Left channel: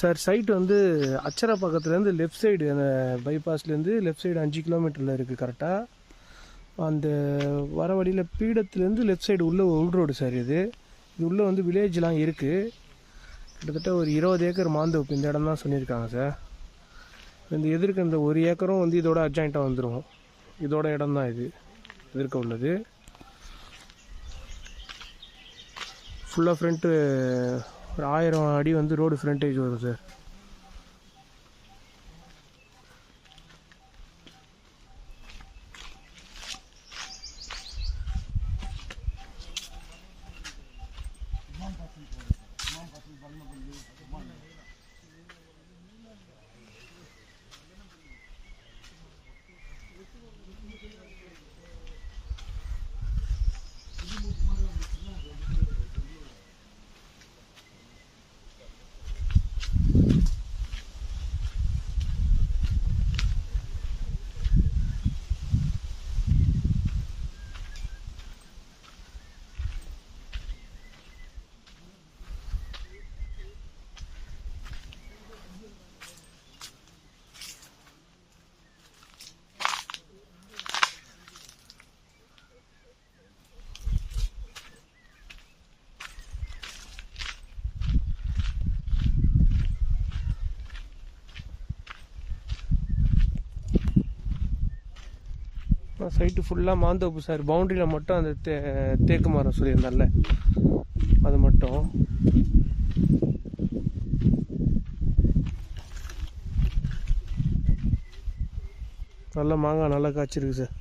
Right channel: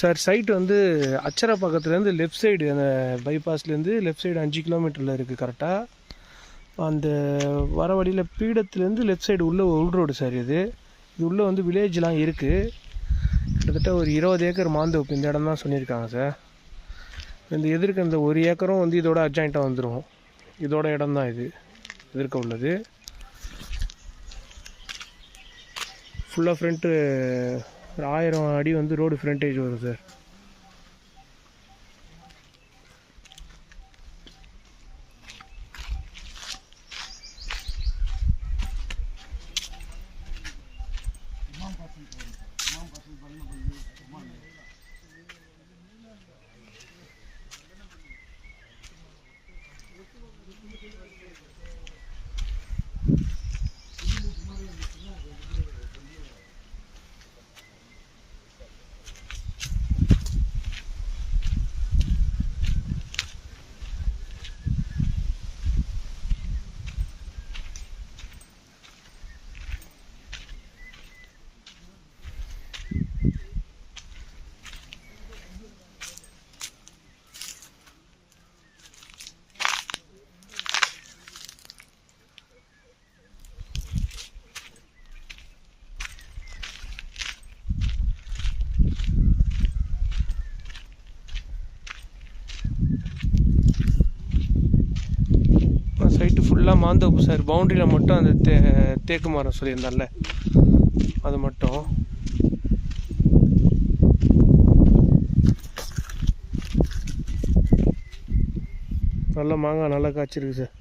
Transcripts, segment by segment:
Sir side வந்து அச்சரா பக்கத்துலேருந்து left side அந்த பைபாஸ்லேருந்து லெஃப்ட் சைடு 5 கிலோமீட்டரில் இருக்குது கரெக்டாக. அந்த வர வழியில் பீடத்துலேருந்து லெஃப்ட் சைடு உள்ள உள் ரோடு சார். இது உள்ளே வந்து வில்லேஜ்லாம் இருக்குது. கிட்டத்தட்ட ஒரு 20 ஏக்கர் மாந்தோப்பு இந்த இடம் தான் சொல்லியிருக்காங்க சார். இந்த எதிர்க்க இந்த 1 ஏக்கரும் வந்து இதோட அட்ஜாயிண்ட்டாக வந்துடும். இதோட இடம் தான் இது எதிர்க்க உள்ளது. ஃபுல்லாக ஃப்ரண்ட்டு ஒரு 1000 அடி வந்து ரோடு ஃப்ரண்டேஜ் வரும் சார். சைட்டு ஃபுல்லாக மாந்தோப்பு சார். பவுண்ட்ரியில் மட்டும் அந்த தேக்கு மரம் சொல்லியிருந்தால அது மட்டும். நல்ல மாங்காய் நல்லா காய்ச்சிருக்கு சார்.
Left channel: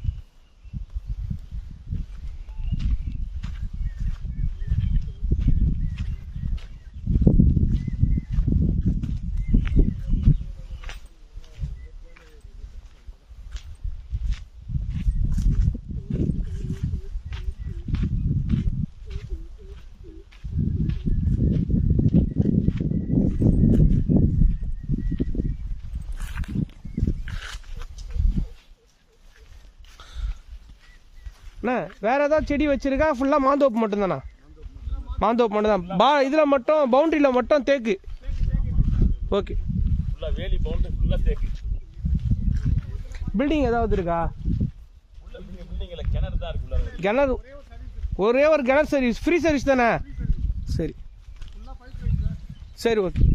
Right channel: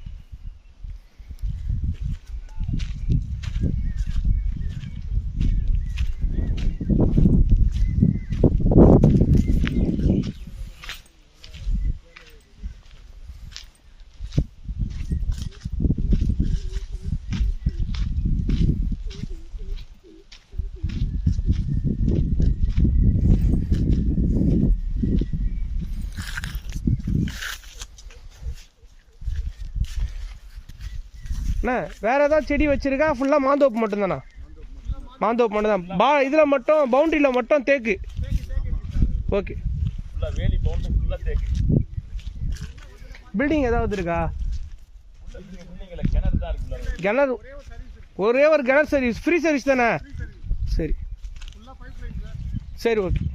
அண்ணா வேறு ஏதாவது செடி வச்சுருக்கா? ஃபுல்லாக மாந்தோப்பு மட்டும்தாண்ணா? மாந்தோப்பு மட்டும் தான். இதில் மட்டும் பவுண்ட்ரியில் மட்டும் தேக்கு. ஓகே. பில்டிங் ஏதாவது இருக்கா? கிணறு ஒரே ஒரு கிணறு சர்வீஸ், ஃப்ரீ சர்வீஸ் தானே? சரி சரி ஓகே.